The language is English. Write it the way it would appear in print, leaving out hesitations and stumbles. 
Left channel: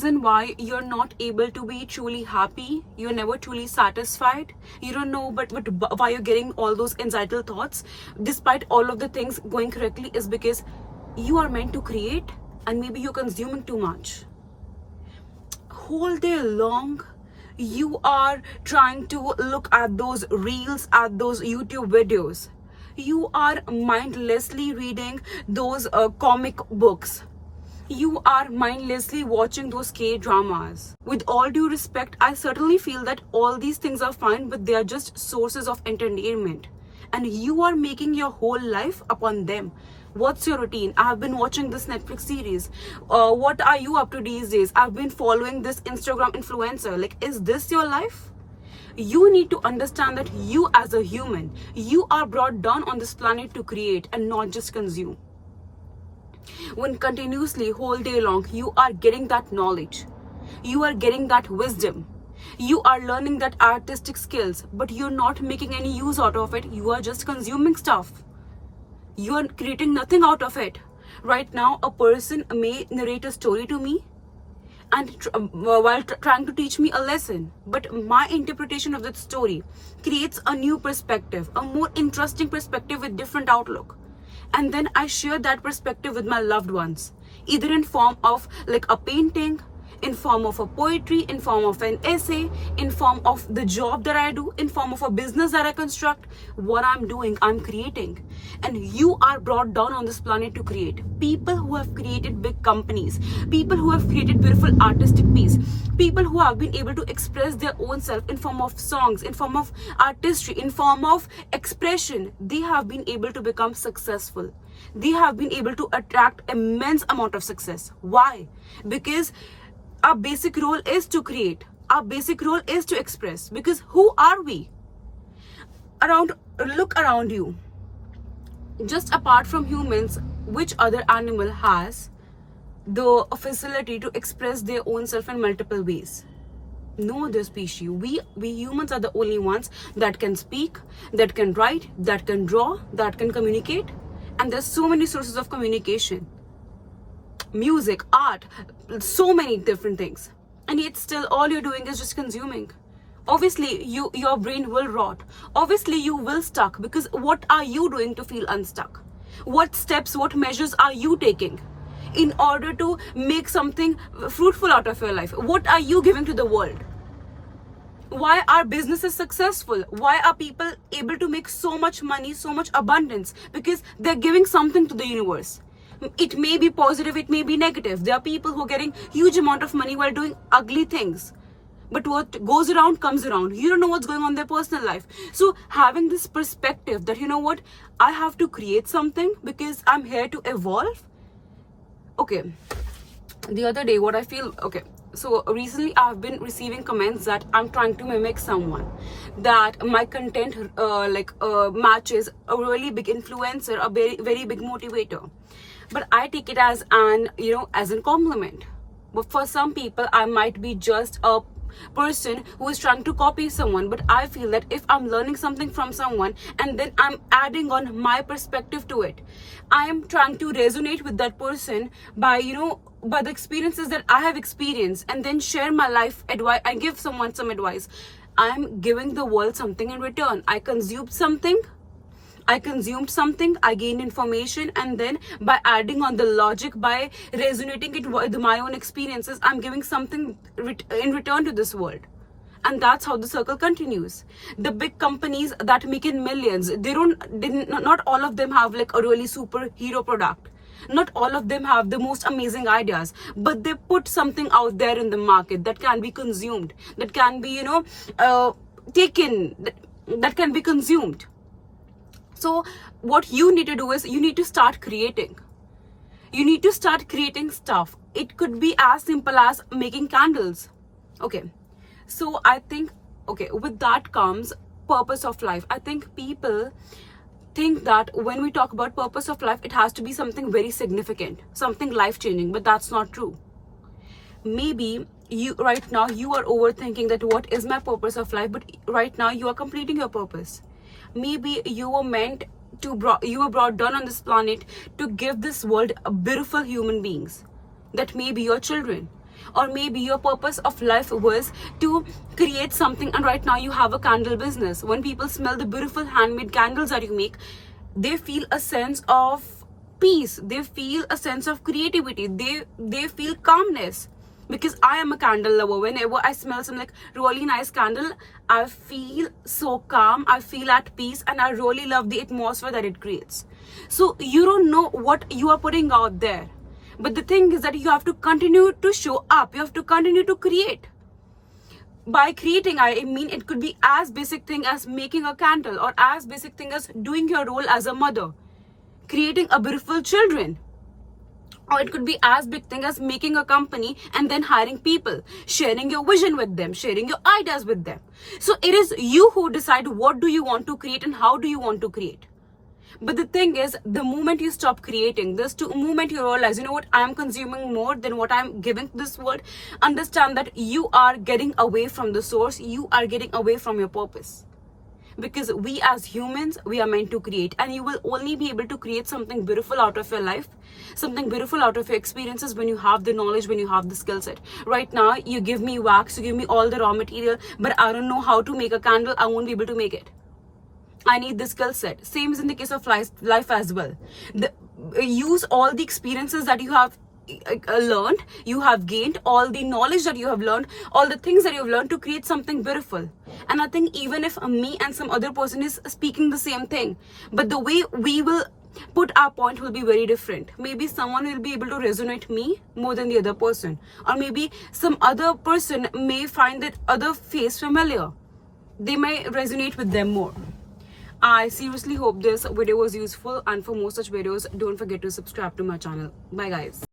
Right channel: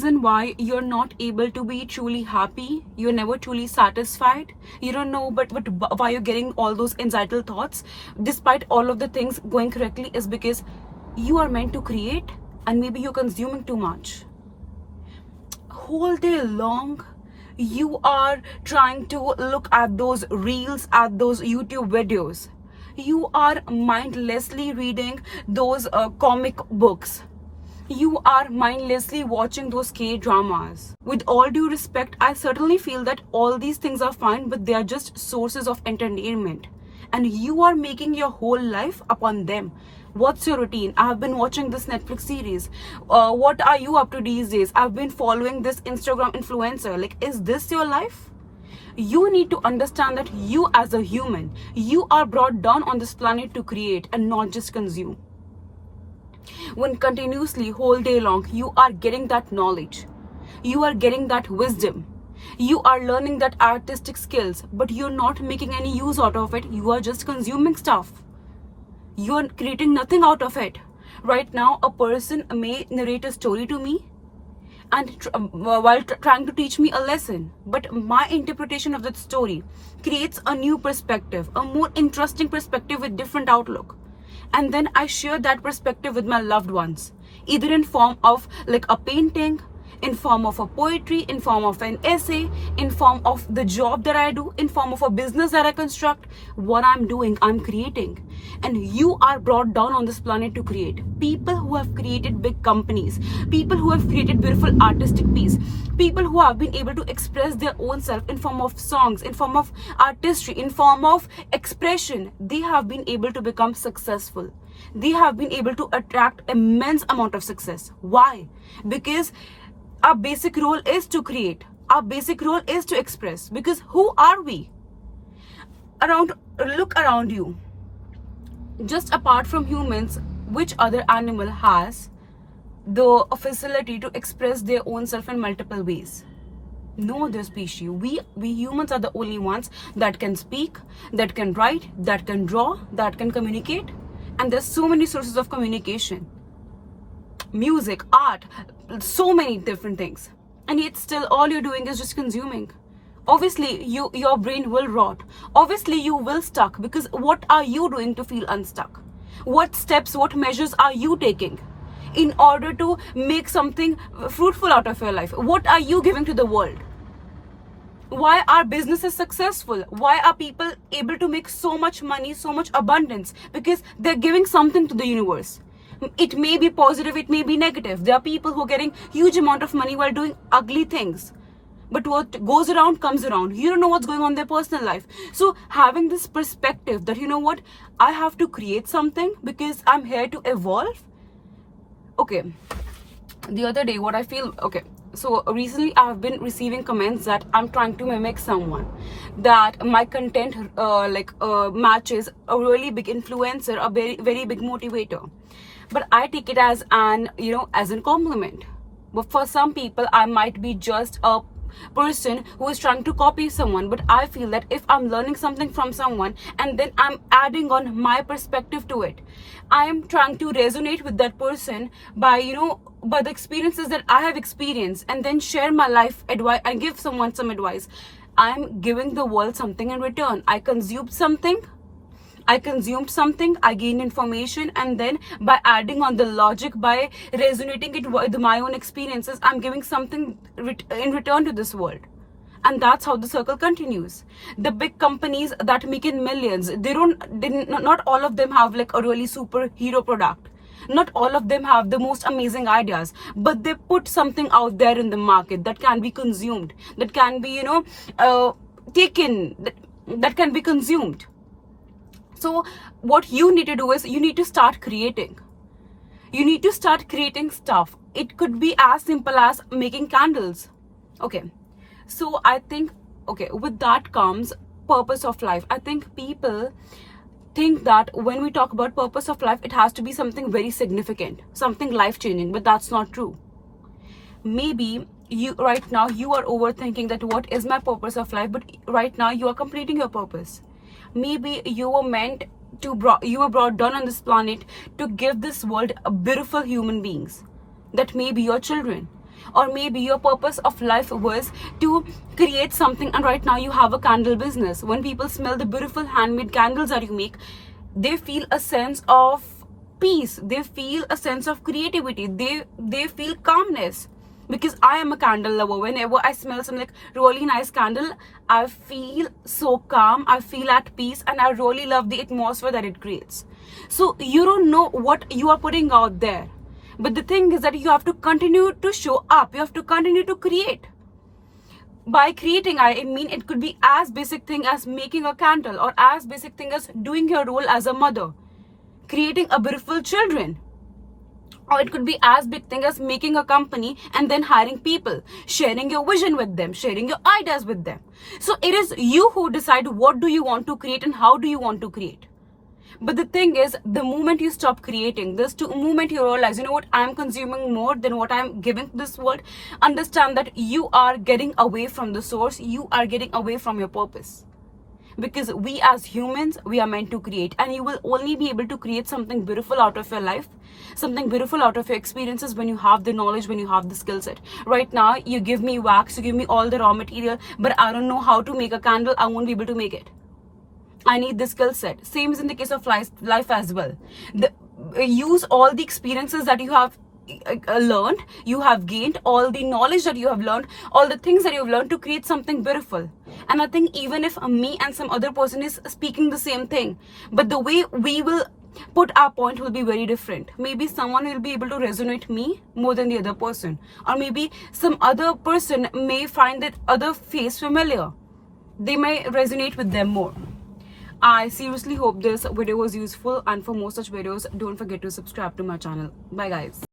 reason why you're not able to be truly happy, you're never truly satisfied, you don't know but why you're getting all those anxiety thoughts despite all of the things going correctly, is because you are meant to create and maybe you're consuming too much. Whole day long you are trying to look at those reels, at those YouTube videos. You are mindlessly reading those comic books. You are mindlessly watching those K-dramas. With all due respect, I certainly feel that all these things are fine, but they are just sources of entertainment. And you are making your whole life upon them. What's your routine? I have been watching this Netflix series. What are you up to these days? I've been following this Instagram influencer. Like, is this your life? You need to understand that you as a human, you are brought down on this planet to create and not just consume. When continuously whole day long you are getting that knowledge, you are getting that wisdom, you are learning that artistic skills, but you're not making any use out of it, you are just consuming stuff, you are creating nothing out of it. Right now a person may narrate a story to me and while trying to teach me a lesson, but my interpretation of that story creates a new perspective, a more interesting perspective with different outlook. And then I share that perspective with my loved ones, either in form of like a painting, in form of a poetry, in form of an essay, in form of the job that I do, in form of a business that I construct. What I'm doing, I'm creating. And you are brought down on this planet to create. People who have created big companies, people who have created beautiful artistic piece, people who have been able to express their own self in form of songs, in form of artistry, in form of expression, they have been able to become successful. They have been able to attract immense amount of success. Why? Because our basic role is to create. Our basic role is to express. Because who are we? Look around you. Just apart from humans, which other animal has the facility to express their own self in multiple ways? No other species. We humans are the only ones that can speak, that can write, that can draw, that can communicate. And there's so many sources of communication. Music, art, so many different things, and yet still all you're doing is just consuming. Obviously your brain will rot. Obviously you will stuck, because what are you doing to feel unstuck? What steps, what measures are you taking in order to make something fruitful out of your life? What are you giving to the world? Why are businesses successful? Why are people able to make so much money, so much abundance? Because they're giving something to the universe. It may be positive, it may be negative. There are people who are getting huge amount of money while doing ugly things. But what goes around comes around. You don't know what's going on in their personal life. So having this perspective that, you know what, I have to create something because I'm here to evolve. Okay, the other day what I feel, okay, so recently I've been receiving comments that I'm trying to mimic someone, that my content matches a really big influencer, a very, very big motivator. But I take it as as a compliment. But for some people, I might be just a person who is trying to copy someone. But I feel that if I'm learning something from someone and then I'm adding on my perspective to it, I am trying to resonate with that person by the experiences that I have experienced, and then share my life advice and give someone some advice. I'm giving the world something in return. I consumed something, I gained information, and then by adding on the logic, by resonating it with my own experiences, I'm giving something in return to this world. And that's how the circle continues. The big companies that make in millions, not all of them have like a really superhero product. Not all of them have the most amazing ideas, but they put something out there in the market that can be consumed, that can be taken, that can be consumed. So what you need to do is you need to start creating. You need to start creating stuff. It could be as simple as making candles. Okay. So I think, with that comes purpose of life. I think people think that when we talk about purpose of life, it has to be something very significant, something life-changing, but that's not true. Maybe right now you are overthinking that what is my purpose of life, but right now you are completing your purpose. Maybe you were brought down on this planet to give this world beautiful human beings. That may be your children. Or maybe your purpose of life was to create something, and right now you have a candle business. When people smell the beautiful handmade candles that you make, they feel a sense of peace, they feel a sense of creativity, they feel calmness. Because I am a candle lover. Whenever I smell some like really nice candle, I feel so calm, I feel at peace, and I really love the atmosphere that it creates. So you don't know what you are putting out there, but the thing is that you have to continue to show up, you have to continue to create. By creating, I mean it could be as basic thing as making a candle, or as basic thing as doing your role as a mother, creating a beautiful children. Or it could be as big thing as making a company and then hiring people, sharing your vision with them, sharing your ideas with them. So it is you who decide what do you want to create and how do you want to create. But the thing is, the moment you stop creating, this to moment you realize, you know what, I'm consuming more than what I'm giving to this world. Understand that you are getting away from the source, you are getting away from your purpose. Because we as humans, we are meant to create, and you will only be able to create something beautiful out of your life, something beautiful out of your experiences, when you have the knowledge, when you have the skill set. Right now, you give me wax, you give me all the raw material, but I don't know how to make a candle, I won't be able to make it. I need the skill set. Same is in the case of life as well. Use all the experiences that you have learned, you have gained, all the knowledge that you have learned, all the things that you have learned to create something beautiful. And I think even if me and some other person is speaking the same thing, but the way we will put our point will be very different. Maybe someone will be able to resonate me more than the other person, or maybe some other person may find that other face familiar, they may resonate with them more. I seriously hope this video was useful, and for more such videos, don't forget to subscribe to my channel. Bye guys.